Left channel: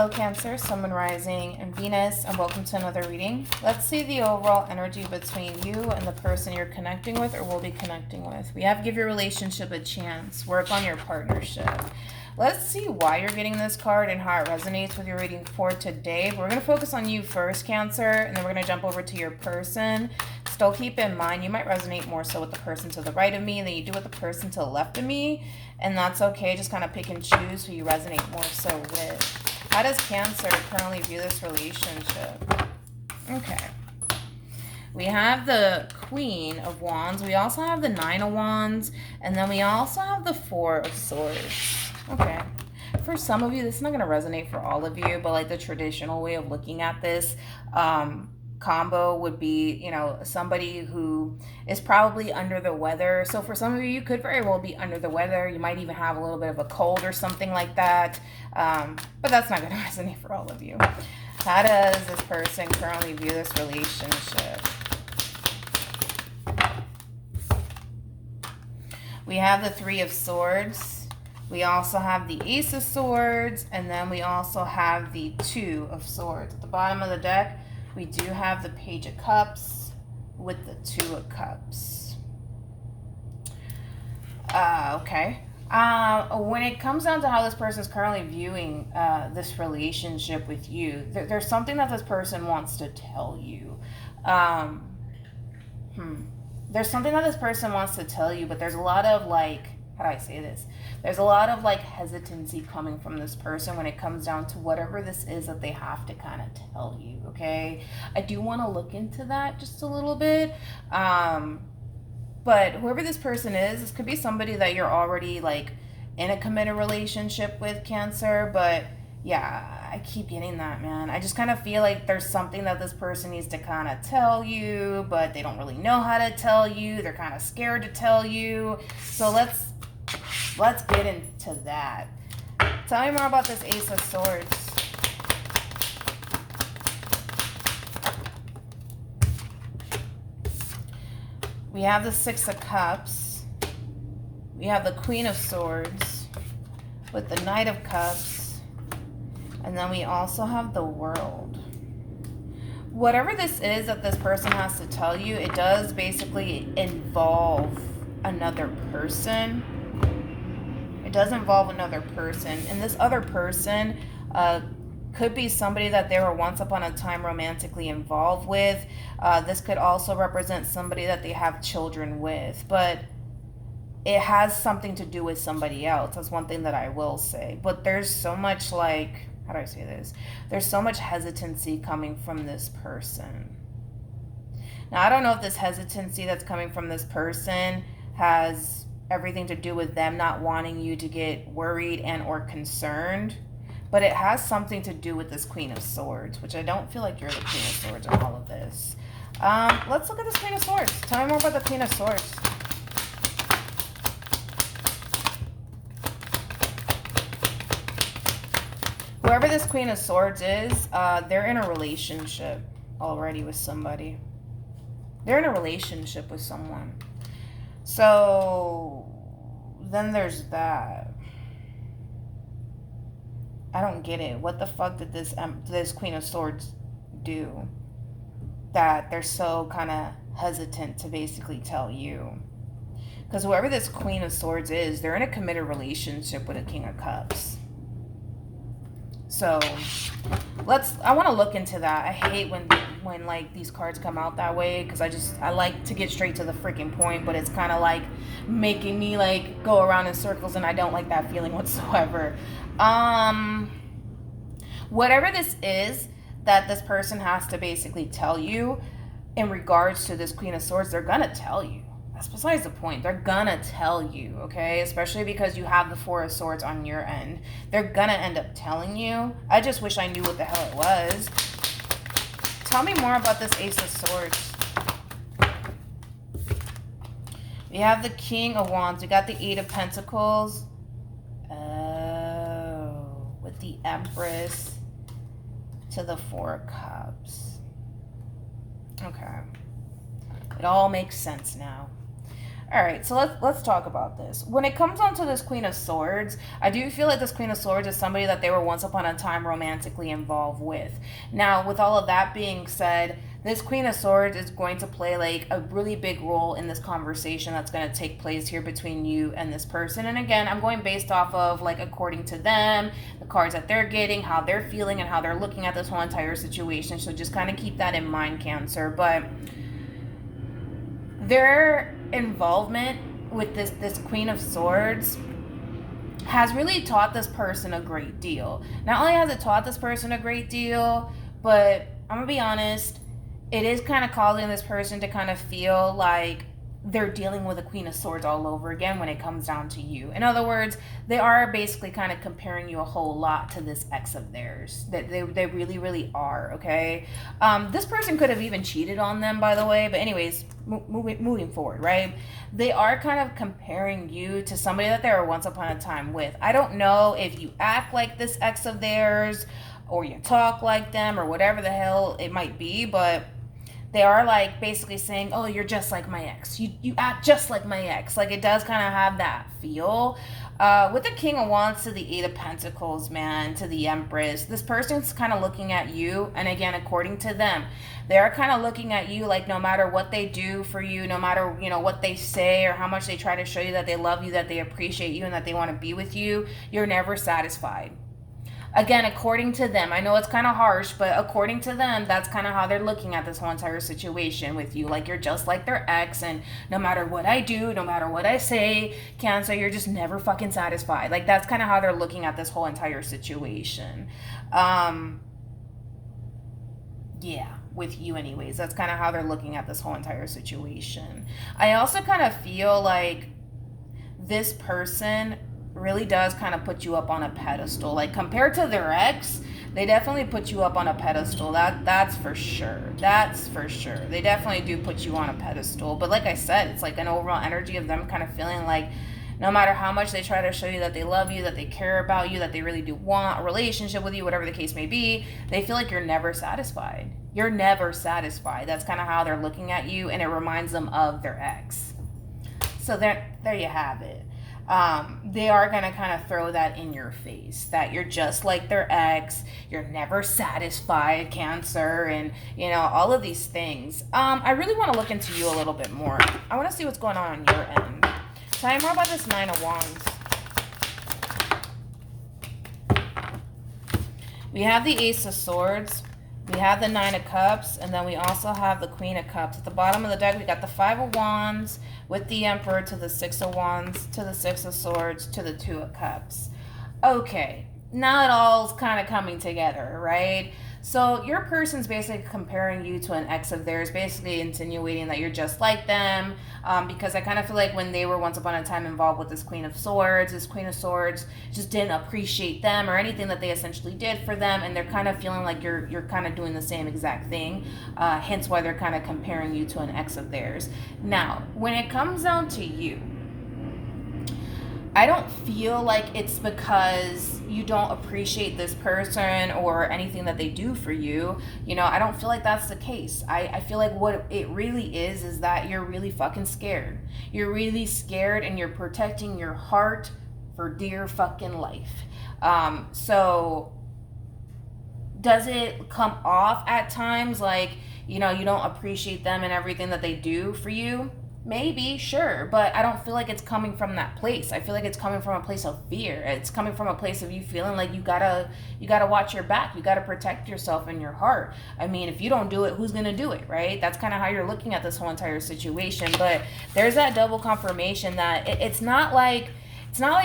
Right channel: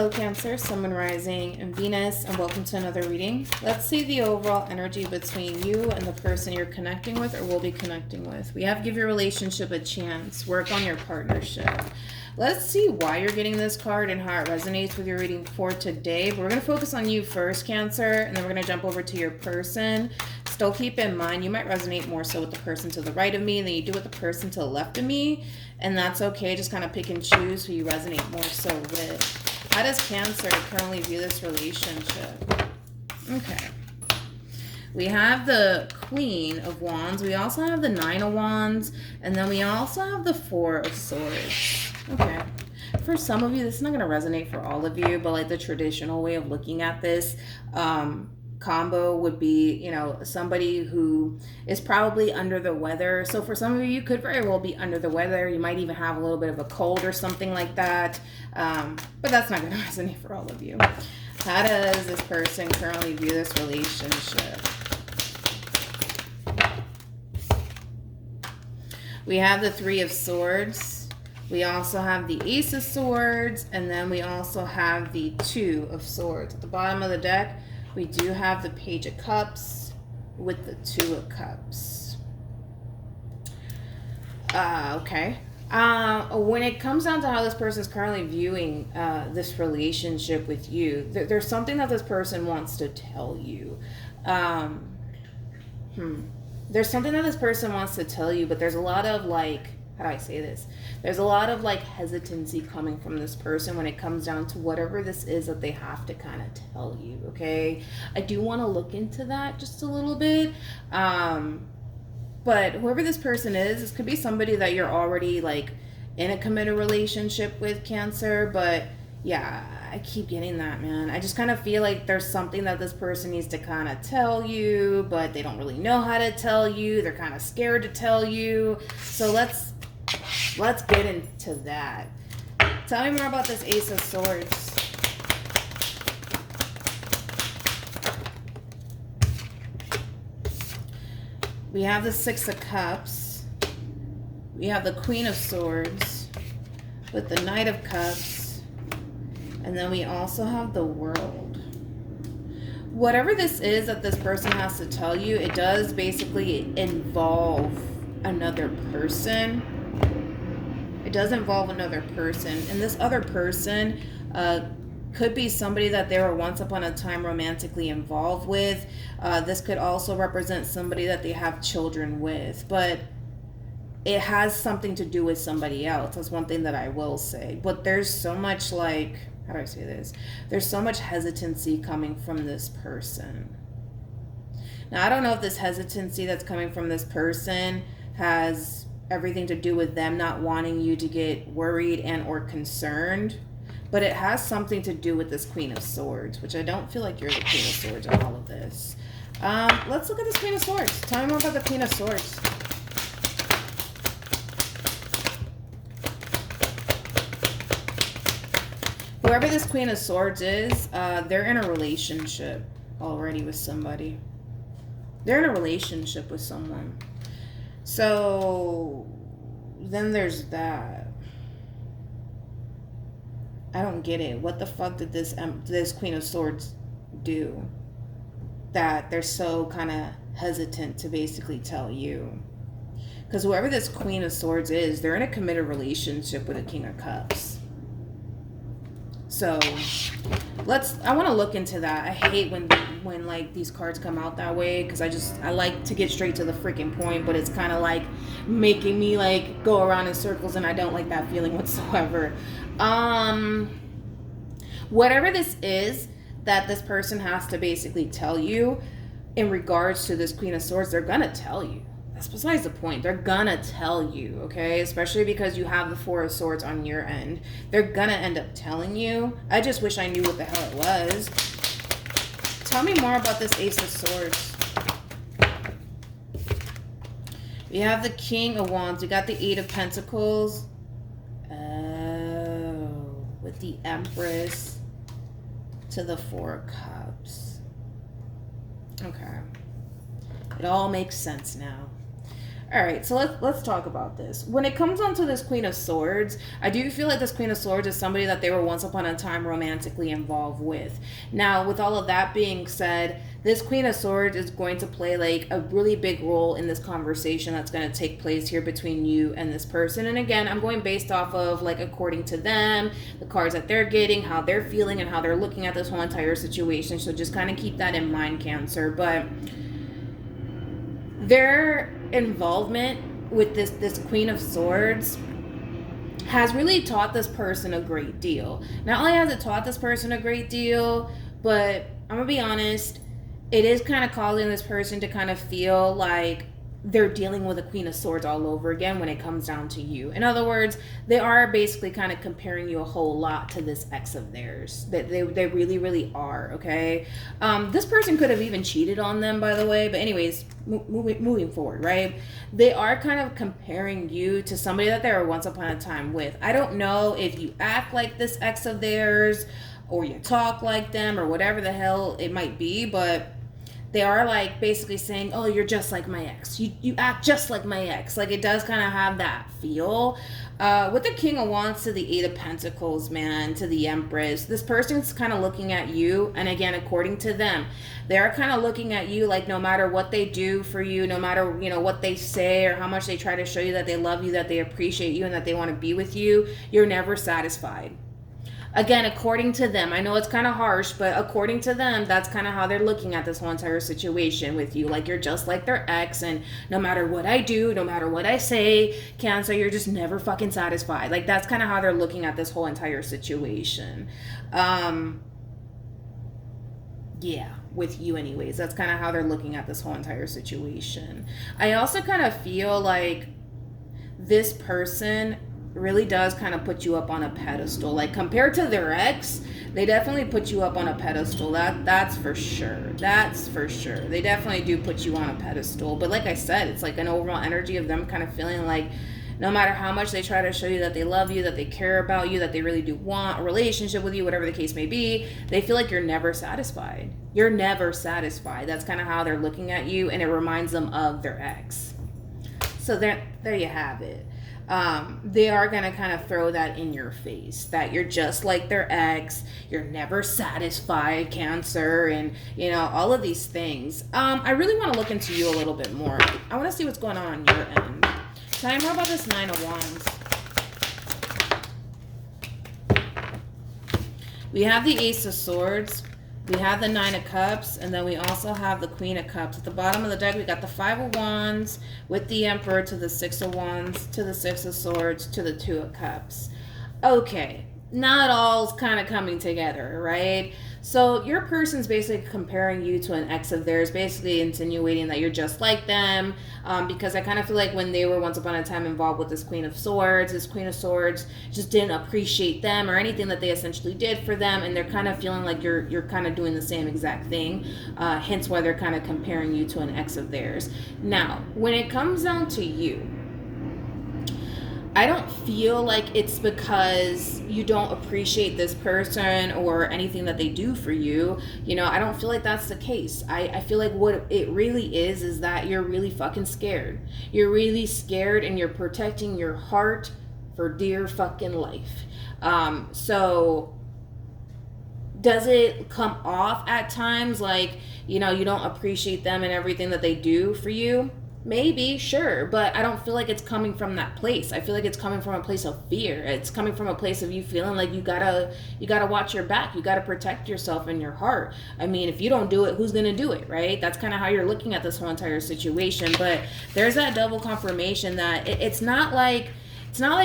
Hello Cancer, Sun, Moon, Rising, and Venus, and welcome to another reading. Let's see the overall energy between you and the person you're connecting with or will be connecting with. We have give your relationship a chance. Work on your partnership. Let's see why you're getting this card and how it resonates with your reading for today. But we're going to focus on you first, Cancer, and then we're going to jump over to your person. Still keep in mind, you might resonate more so with the person to the right of me than you do with the person to the left of me. And that's okay. Just kind of pick and choose who you resonate more so with. How does Cancer currently view this relationship? Okay. We have the Queen of Wands. We also have the Nine of Wands. And then we also have the Four of Swords. Okay. For some of you, this is not going to resonate for all of you, but like the traditional way of looking at this combo would be, you know, somebody who is probably under the weather. So for some of you, you could very well be under the weather. You might even have a little bit of a cold or something like that. But that's not going to resonate for all of you. How does this person currently view this relationship? We have the Three of Swords. We also have the Ace of Swords. And then we also have the Two of Swords. At the bottom of the deck, we do have the Page of Cups with the Two of Cups. Okay. When it comes down to how this person is currently viewing this relationship with you, there's something that this person wants to tell you. There's something that this person wants to tell you, but there's a lot of like, how do I say this? There's a lot of like hesitancy coming from this person when it comes down to whatever this is that they have to kind of tell you, okay? I do want to look into that just a little bit. But whoever this person is, this could be somebody that you're already like in a committed relationship with, Cancer. But yeah, I keep getting that, man. I just kind of feel like there's something that this person needs to kind of tell you, but they don't really know how to tell you. They're kind of scared to tell you. So let's get into that. Tell me more about this Ace of Swords. We have the Six of Cups. We have the Queen of Swords with the Knight of Cups. And then we also have the World. Whatever this is that this person has to tell you, it does basically involve another person. It does involve another person. And this other person could be somebody that they were once upon a time romantically involved with. This could also represent somebody that they have children with. But it has something to do with somebody else. That's one thing that I will say. But there's so much like, how do I say this? There's so much hesitancy coming from this person. Now, I don't know if this hesitancy that's coming from this person has everything to do with them not wanting you to get worried and or concerned, but it has something to do with this Queen of Swords, which I don't feel like you're the Queen of Swords in all of this. Let's look at this Queen of Swords. Tell me more about the Queen of Swords. Whoever this Queen of Swords is, they're in a relationship already with somebody. They're in a relationship with someone. So then there's that. I don't get it. What the fuck did this Queen of Swords do that they're so kind of hesitant to basically tell you? Because whoever this Queen of Swords is, they're in a committed relationship with a King of Cups. So I want to look into that. I hate when like these cards come out that way, because I like to get straight to the freaking point, but it's kind of like making me like go around in circles, and I don't like that feeling whatsoever. Whatever this is that this person has to basically tell you in regards to this Queen of Swords, they're gonna tell you. That's besides the point. They're gonna tell you, okay? Especially because you have the Four of Swords on your end. They're gonna end up telling you. I just wish I knew what the hell it was. Tell me more about this Ace of Swords. We have the King of Wands. We got the Eight of Pentacles. Oh, with the Empress to the Four of Cups. Okay. It all makes sense now. All right, so let's talk about this. When it comes down to this Queen of Swords, I do feel like this Queen of Swords is somebody that they were once upon a time romantically involved with. Now, with all of that being said, this Queen of Swords is going to play like a really big role in this conversation that's going to take place here between you and this person. And again, I'm going based off of like according to them, the cards that they're getting, how they're feeling, and how they're looking at this whole entire situation. So just kind of keep that in mind, Cancer. But their involvement with this Queen of Swords has really taught this person a great deal. Not only has it taught this person a great deal, but I'm gonna be honest, it is kind of causing this person to kind of feel like they're dealing with a Queen of Swords all over again when it comes down to you. In other words, they are basically kind of comparing you a whole lot to this ex of theirs. They really, really are, okay? This person could have even cheated on them, by the way. But anyways, moving forward, right? They are kind of comparing you to somebody that they were once upon a time with. I don't know if you act like this ex of theirs or you talk like them or whatever the hell it might be, but they are like basically saying, oh, you're just like my ex. You act just like my ex. Like it does kind of have that feel. With the King of Wands to the Eight of Pentacles, man, to the Empress, this person's kind of looking at you. And again, according to them, they are kind of looking at you like no matter what they do for you, no matter, you know, what they say or how much they try to show you that they love you, that they appreciate you, and that they want to be with you, you're never satisfied. Again, according to them, I know it's kind of harsh, but according to them, that's kind of how they're looking at this whole entire situation with you. Like you're just like their ex, and no matter what I do, no matter what I say, Cancer, you're just never fucking satisfied. Like that's kind of how they're looking at this whole entire situation. Yeah, with you anyways. That's kind of how they're looking at this whole entire situation. I also kind of feel like this person really does kind of put you up on a pedestal. Like compared to their ex, they definitely put you up on a pedestal. That's for sure. That's for sure. They definitely do put you on a pedestal. But like I said, it's like an overall energy of them kind of feeling like no matter how much they try to show you that they love you, that they care about you, that they really do want a relationship with you, whatever the case may be, they feel like you're never satisfied. You're never satisfied. That's kind of how they're looking at you, and it reminds them of their ex. So there you have it. They are going to kind of throw that in your face, that you're just like their ex, you're never satisfied, Cancer, and, you know, all of these things. I really want to look into you a little bit more. I want to see what's going on your end. Tell me more about this Nine of Wands. We have the Ace of Swords. We have the Nine of Cups, and then we also have the Queen of Cups. At the bottom of the deck, we got the Five of Wands with the Emperor to the Six of Wands to the Six of Swords to the Two of Cups. Okay, now it all's kind of coming together, right? So your person's basically comparing you to an ex of theirs, basically insinuating that you're just like them, because I kind of feel like when they were once upon a time involved with this Queen of Swords just didn't appreciate them or anything that they essentially did for them, and they're kind of feeling like you're kind of doing the same exact thing, hence why they're kind of comparing you to an ex of theirs. Now, when it comes down to you, I don't feel like it's because you don't appreciate this person or anything that they do for you. You know, I don't feel like that's the case. I feel like what it really is that you're really fucking scared. You're really scared, and you're protecting your heart for dear fucking life. So does it come off at times like, you know, you don't appreciate them and everything that they do for you? Maybe, sure, but I don't feel like it's coming from that place. I feel like it's coming from a place of fear. It's coming from a place of you feeling like you gotta watch your back. You gotta protect yourself and your heart. I mean, if you don't do it, who's gonna do it, right? That's kind of how you're looking at this whole entire situation. But there's that double confirmation that it's not like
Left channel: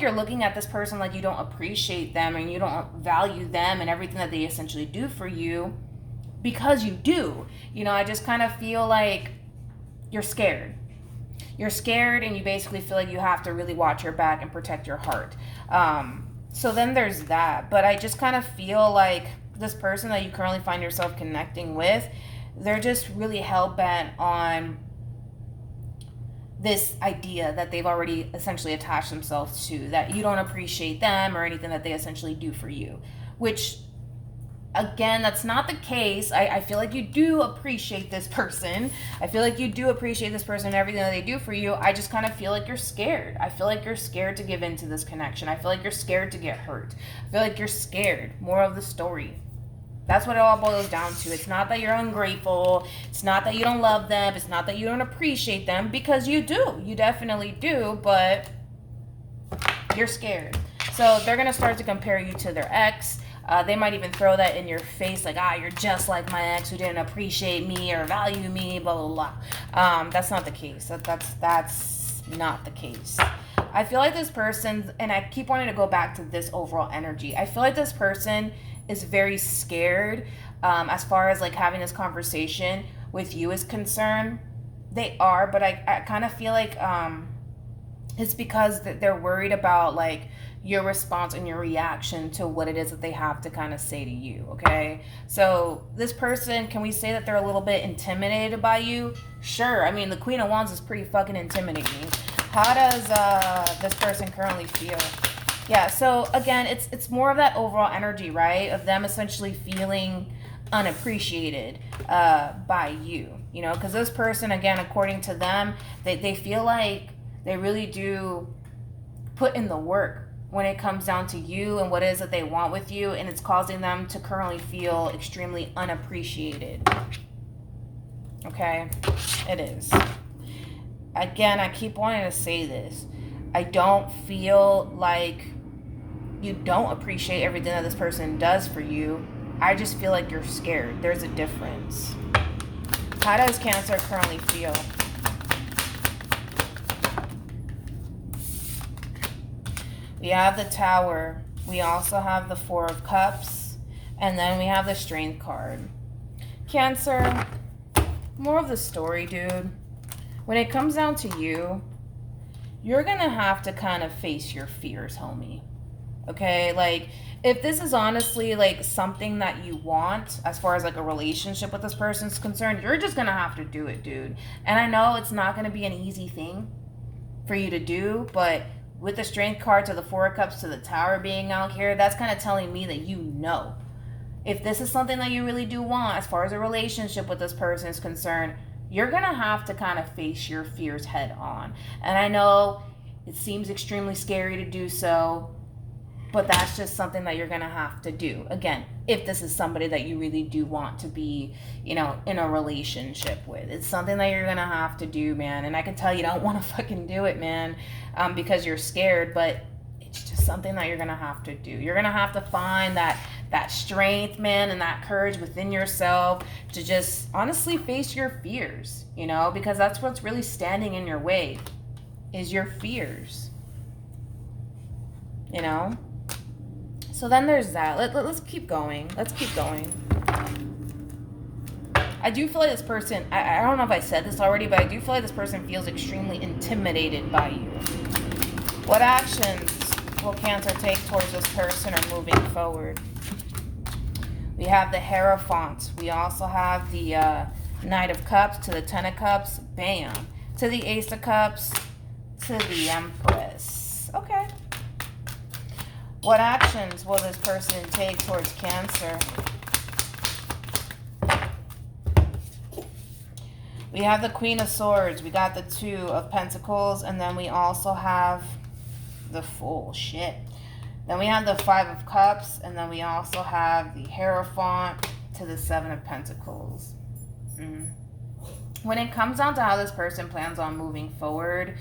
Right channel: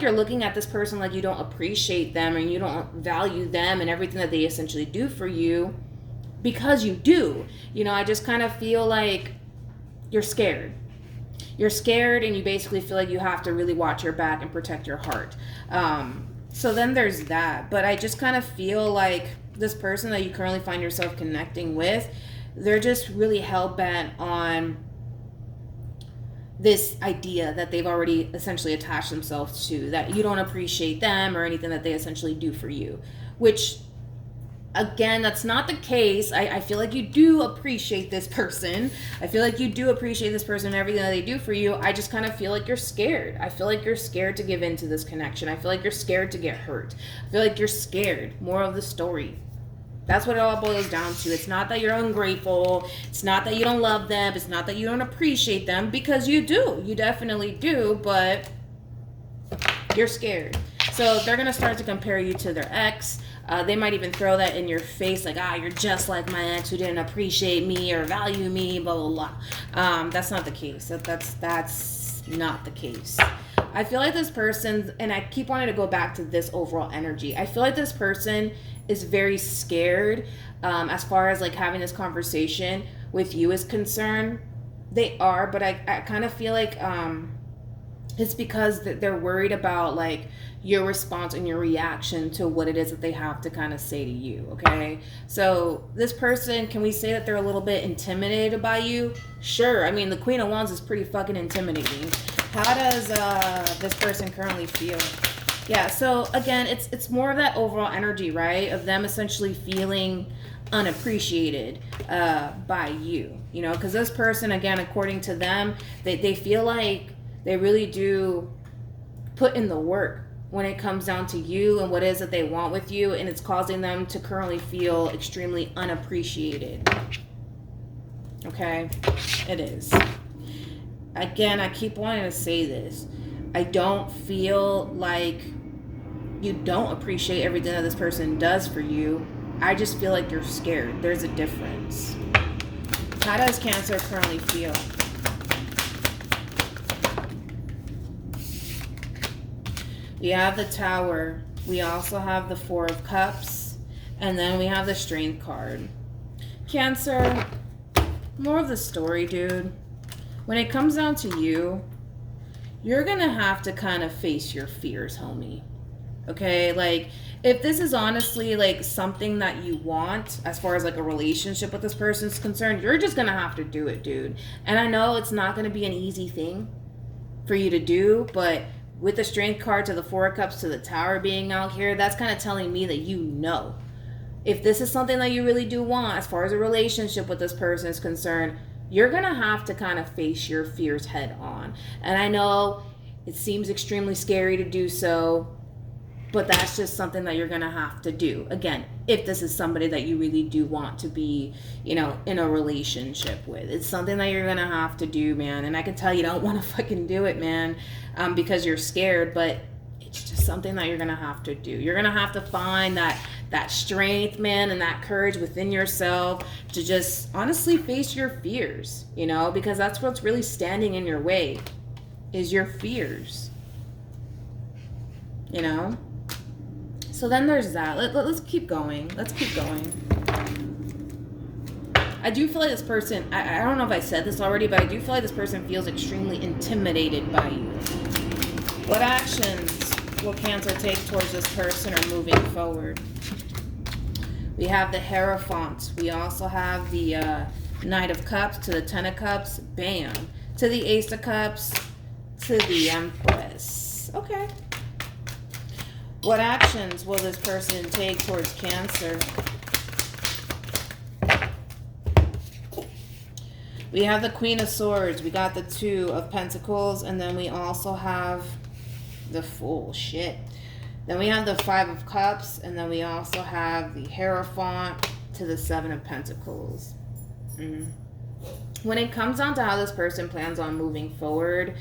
you're looking at this person like you don't appreciate them and you don't value them and everything that they essentially do for you, because you do. You know, I just kind of feel like you're scared. You're scared, and you basically feel like you have to really watch your back and protect your heart. So then there's that. But I just kind of feel like this person that you currently find yourself connecting with, they're just really hell-bent on this idea that they've already essentially attached themselves to, that you don't appreciate them or anything that they essentially do for you, which Again, that's not the case. I feel like you do appreciate this person. I feel like you do appreciate this person and everything that they do for you. I just kind of feel like you're scared. I feel like you're scared to give into this connection. I feel like you're scared to get hurt. I feel like you're scared. More of the story. That's what it all boils down to. It's not that you're ungrateful. It's not that you don't love them. It's not that you don't appreciate them, because you do. You definitely do, but you're scared. So they're going to start to compare you to their ex. They might even throw that in your face, like, you're just like my ex who didn't appreciate me or value me, blah, blah, blah. That's not the case. That's not the case. I feel like this person, and I keep wanting to go back to this overall energy, I feel like this person is very scared as far as like having this conversation with you is concerned. They are, but I kind of feel like it's because they're worried about like your response and your reaction to what it is that they have to kind of say to you, okay? So this person, can we say that they're a little bit intimidated by you? Sure. I mean, the Queen of Wands is pretty fucking intimidating. How does this person currently feel? Yeah, so again, it's more of that overall energy, right? Of them essentially feeling unappreciated by you, you know? Because this person, again, according to them, they feel like they really do put in the work when it comes down to you and what it is that they want with you, and it's causing them to currently feel extremely unappreciated. Okay? It is. Again, I keep wanting to say this. I don't feel like you don't appreciate everything that this person does for you. I just feel like you're scared. There's a difference. How does Cancer currently feel? We have the Tower. We also have the Four of Cups. And then we have the Strength card. Cancer, more of the story, dude. When it comes down to you, you're going to have to kind of face your fears, homie. Okay? Like, if this is honestly, like, something that you want, as far as, like, a relationship with this person is concerned, you're just going to have to do it, dude. And I know it's not going to be an easy thing for you to do, but with the Strength card to the Four of Cups to the Tower being out here, that's kind of telling me that you know. If this is something that you really do want, as far as a relationship with this person is concerned, you're going to have to kind of face your fears head on. And I know it seems extremely scary to do so, but that's just something that you're going to have to do. Again, if this is somebody that you really do want to be, you know, in a relationship with. It's something that you're going to have to do, man. And I can tell you don't want to fucking do it, man, because you're scared, but it's just something that you're going to have to do. You're going to have to find that strength, man, and that courage within yourself to just honestly face your fears, you know, because that's what's really standing in your way is your fears, you know? So then there's that. Let's keep going. Let's keep going. I do feel like this person, I don't know if I said this already, but I do feel like this person feels extremely intimidated by you. What actions will Cancer take towards this person or moving forward? We have the Hierophant. We also have the Knight of Cups to the Ten of Cups. Bam. To the Ace of Cups. To the Empress. Okay. What actions will this person take towards Cancer? We have the Queen of Swords. We got the Two of Pentacles. And then we also have the Fool. Shit. Then we have the Five of Cups. And then we also have the Hierophant to the Seven of Pentacles. When it comes down to how this person plans on moving forward,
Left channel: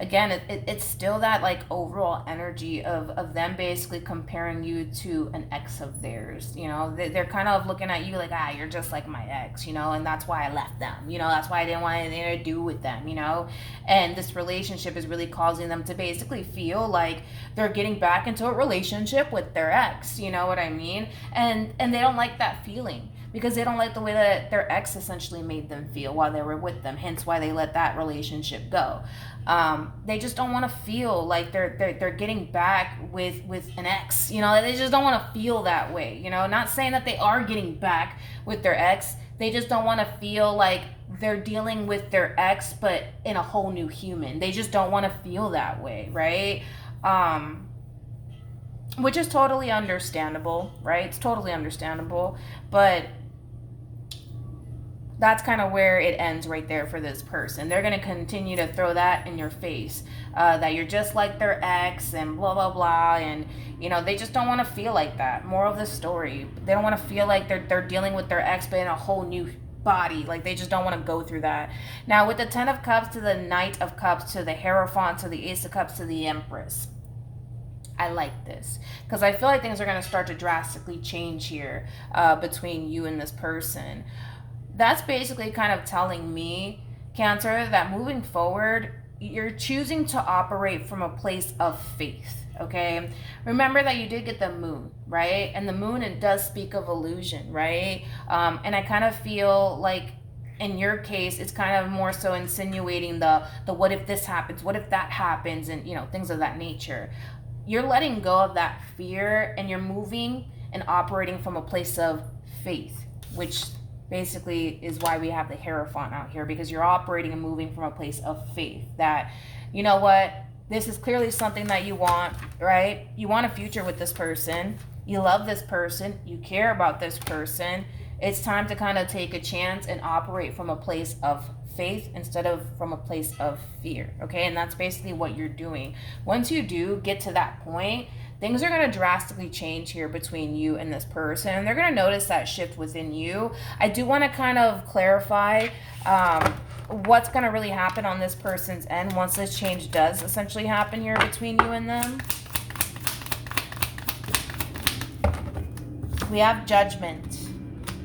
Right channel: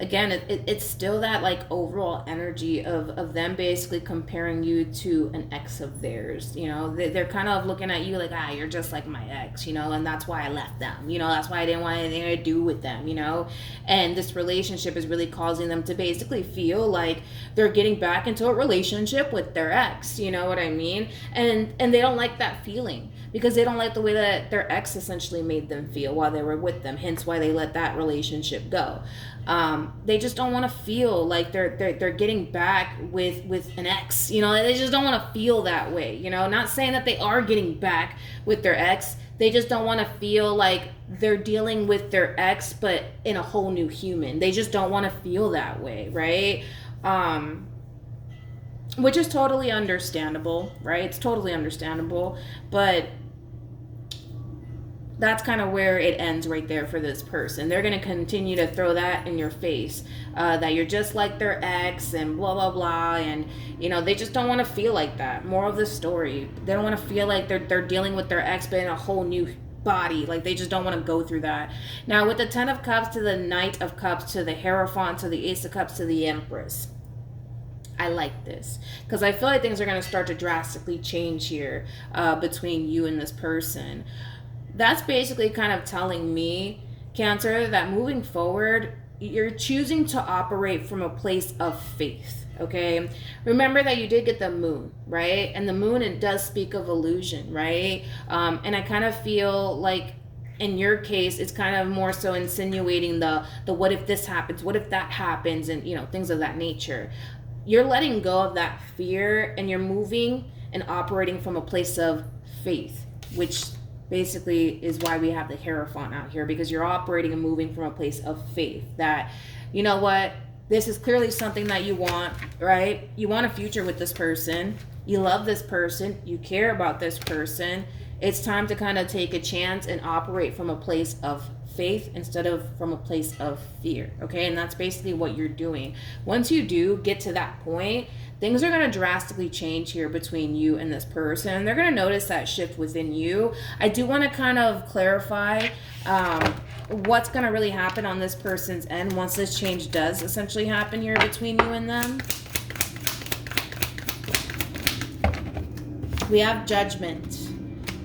again, it's still that like overall energy of them basically comparing you to an ex of theirs. You know, they're kind of looking at you like, you're just like my ex, you know, and that's why I left them. You know, that's why I didn't want anything to do with them, you know. And this relationship is really causing them to basically feel like they're getting back into a relationship with their ex. You know what I mean? And they don't like that feeling, because they don't like the way that their ex essentially made them feel while they were with them, hence why they let that relationship go. They just don't want to feel like they're getting back with an ex, you know. They just don't want to feel that way, you know. Not saying that they are getting back with their ex, they just don't want to feel like they're dealing with their ex but in a whole new human. They just don't want to feel that way, right? which is totally understandable, right? It's totally understandable, but that's kind of where it ends right there for this person. They're going to continue to throw that in your face, that you're just like their ex and blah, blah, blah. And, you know, they just don't want to feel like that. More of the story. They don't want to feel like they're dealing with their ex but in a whole new body. Like, they just don't want to go through that. Now, with the 10 of Cups to the Knight of Cups to the Hierophant to the Ace of Cups to the Empress, I like this because I feel like things are going to start to drastically change here between you and this person. That's basically kind of telling me, Cancer, that moving forward, you're choosing to operate from a place of faith, okay? Remember that you did get the moon, right? And the moon, it does speak of illusion, right? And I kind of feel like in your case, it's kind of more so insinuating the what if this happens, what if that happens, and, you know, things of that nature. You're letting go of that fear and you're moving and operating from a place of faith, which basically is why we have the Hierophant out here, because you're operating and moving from a place of faith that, you know what, this is clearly something that you want, right? You want a future with this person. You love this person. You care about this person. It's time to kind of take a chance and operate from a place of faith instead of from a place of fear, okay? And that's basically what you're doing. Once you do get to that point, things are going to drastically change here between you and this person. And they're going to notice that shift within you. I do want to kind of clarify what's going to really happen on this person's end once this change does essentially happen here between you and them. We have Judgment.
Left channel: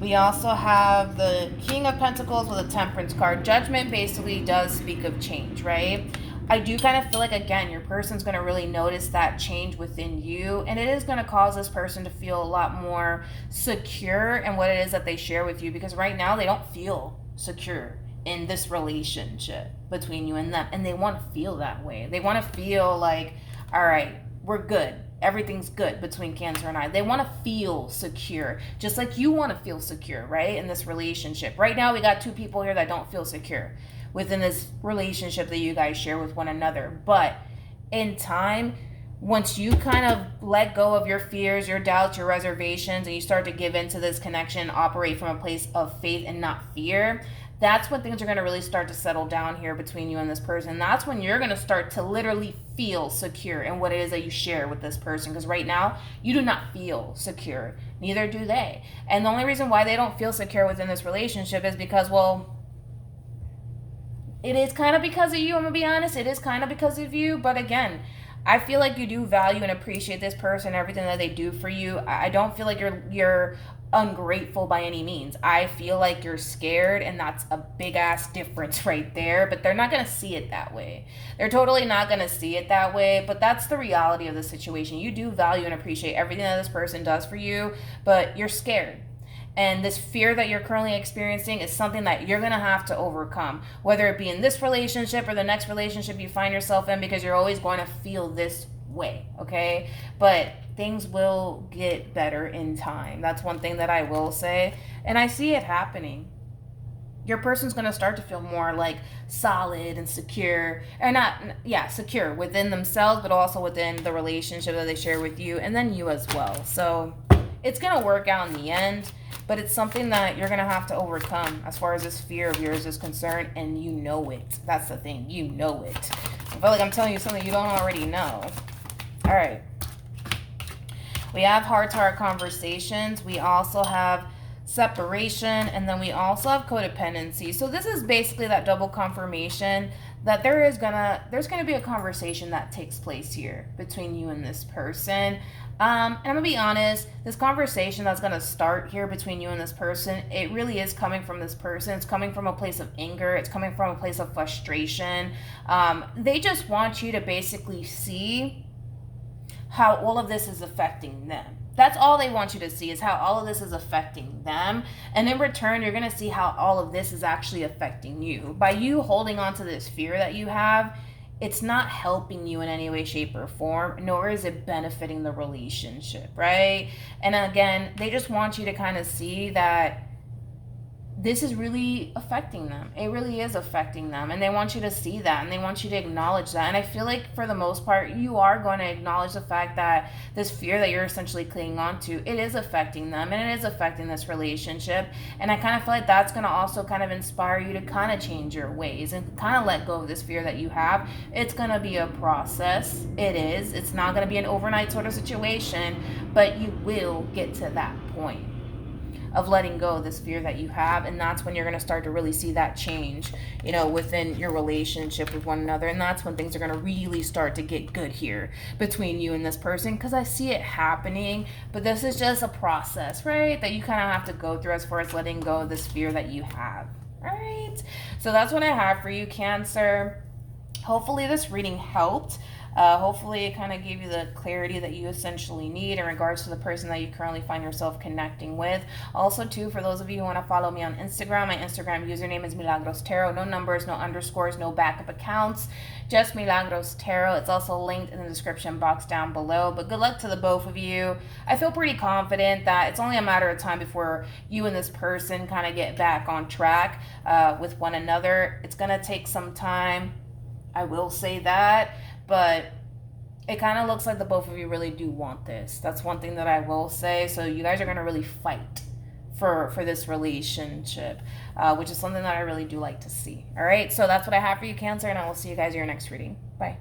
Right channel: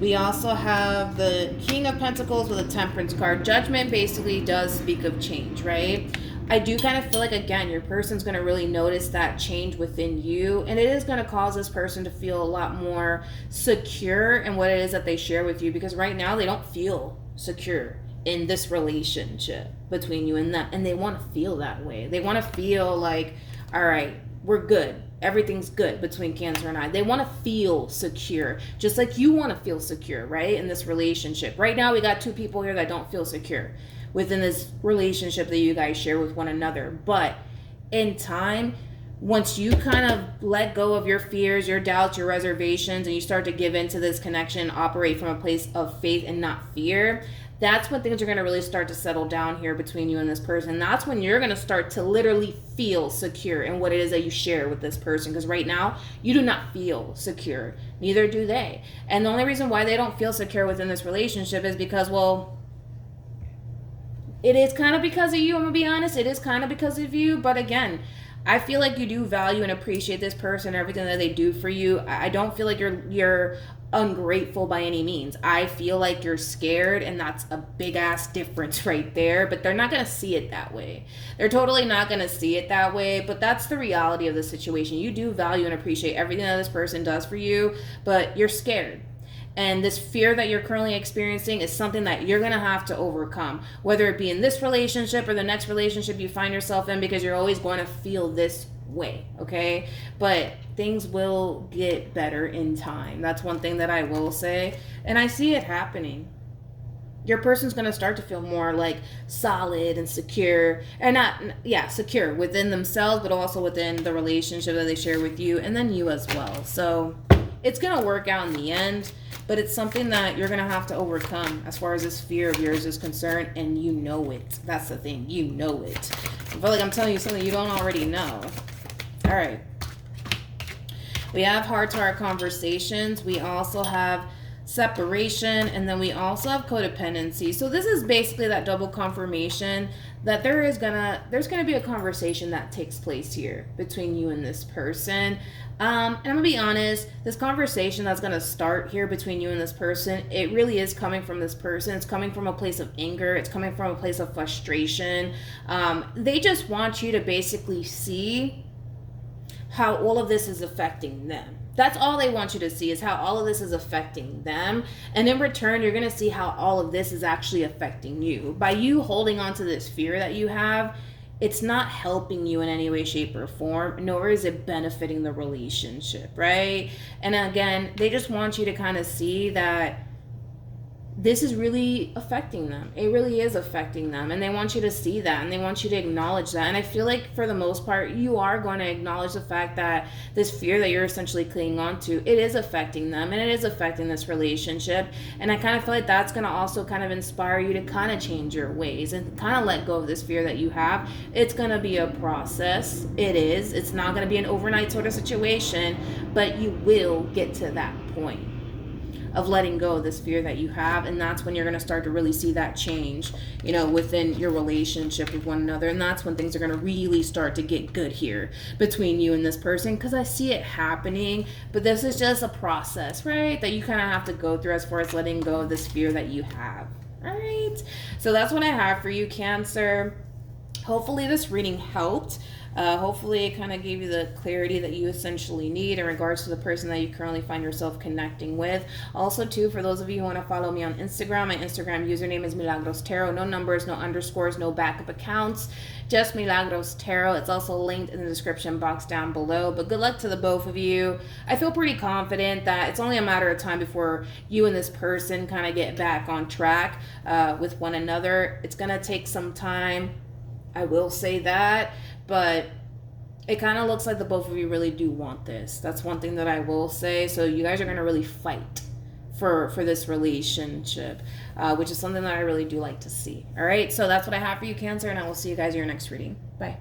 We also have the King of Pentacles with a Temperance card. Judgment basically does speak of change, right? I do kind of feel like, again, your person's going to really notice that change within you, and it is going to cause this person to feel a lot more secure in what it is that they share with you, because right now they don't feel secure in this relationship between you and them, and they want to feel that way. They want to feel like, all right, we're good. Everything's good between Cancer and I. They want to feel secure, just like you want to feel secure, right, in this relationship. Right now, we got two people here that don't feel secure within this relationship that you guys share with one another. But in time, once you kind of let go of your fears, your doubts, your reservations, and you start to give into this connection, operate from a place of faith and not fear, that's when things are going to really start to settle down here between you and this person. That's when you're going to start to literally feel secure in what it is that you share with this person. Because right now, you do not feel secure. Neither do they. And the only reason why they don't feel secure within this relationship is because, well, it is kind of because of you. I'm going to be honest. It is kind of because of you. But again, I feel like you do value and appreciate this person, everything that they do for you. I don't feel like you're ungrateful by any means. I feel like you're scared, and that's a big ass difference right there. But they're not going to see it that way. They're totally not going to see it that way. But that's the reality of the situation. You do value and appreciate everything that this person does for you, but you're scared. And this fear that you're currently experiencing is something that you're going to have to overcome, whether it be in this relationship or the next relationship you find yourself in, because you're always going to feel this way, okay? But things will get better in time. That's one thing that I will say. And I see it happening. Your person's going to start to feel more like solid and secure, and secure within themselves, but also within the relationship that they share with you, and then you as well. So it's going to work out in the end, but it's something that you're going to have to overcome as far as this fear of yours is concerned, and you know it. That's the thing. You know it. I feel like I'm telling you something you don't already know. All right. We have heart-to-heart conversations. We also have separation, and then we also have codependency. So this is basically that double confirmation that there's gonna be a conversation that takes place here between you and this person. And I'm gonna be honest, this conversation that's gonna start here between you and this person, it really is coming from this person. It's coming from a place of anger. It's coming from a place of frustration. They just want you to basically see how all of this is affecting them. That's all they want you to see, is how all of this is affecting them. And in return, you're going to see how all of this is actually affecting you. By you holding on to this fear that you have, it's not helping you in any way, shape, or form, nor is it benefiting the relationship, right? And again, they just want you to kind of see that this is really affecting them. It really is affecting them. And they want you to see that, and they want you to acknowledge that. And I feel like for the most part, you are going to acknowledge the fact that this fear that you're essentially clinging on to, it is affecting them, and it is affecting this relationship. And I kind of feel like that's going to also kind of inspire you to kind of change your ways and kind of let go of this fear that you have. It's going to be a process. It is. It's not going to be an overnight sort of situation, but you will get to that point of letting go of this fear that you have. And that's when you're going to start to really see that change, within your relationship with one another. And that's when things are going to really start to get good here between you and this person, because I see it happening. But this is just a process, right, that you kind of have to go through as far as letting go of this fear that you have. All right, so that's what I have for you, Cancer. Hopefully this reading helped. Hopefully it kind of gave you the clarity that you essentially need in regards to the person that you currently find yourself connecting with. Also, too, for those of you who want to follow me on Instagram, my Instagram username is MilagrosTarot. No numbers, no underscores, no backup accounts. Just MilagrosTarot. It's also linked in the description box down below. But good luck to the both of you. I feel pretty confident that it's only a matter of time before you and this person kind of get back on track with one another. It's going to take some time. I will say that. But it kind of looks like the both of you really do want this. That's one thing that I will say. So you guys are going to really fight for this relationship, which is something that I really do like to see. All right, so that's what I have for you, Cancer, and I will see you guys in your next reading. Bye.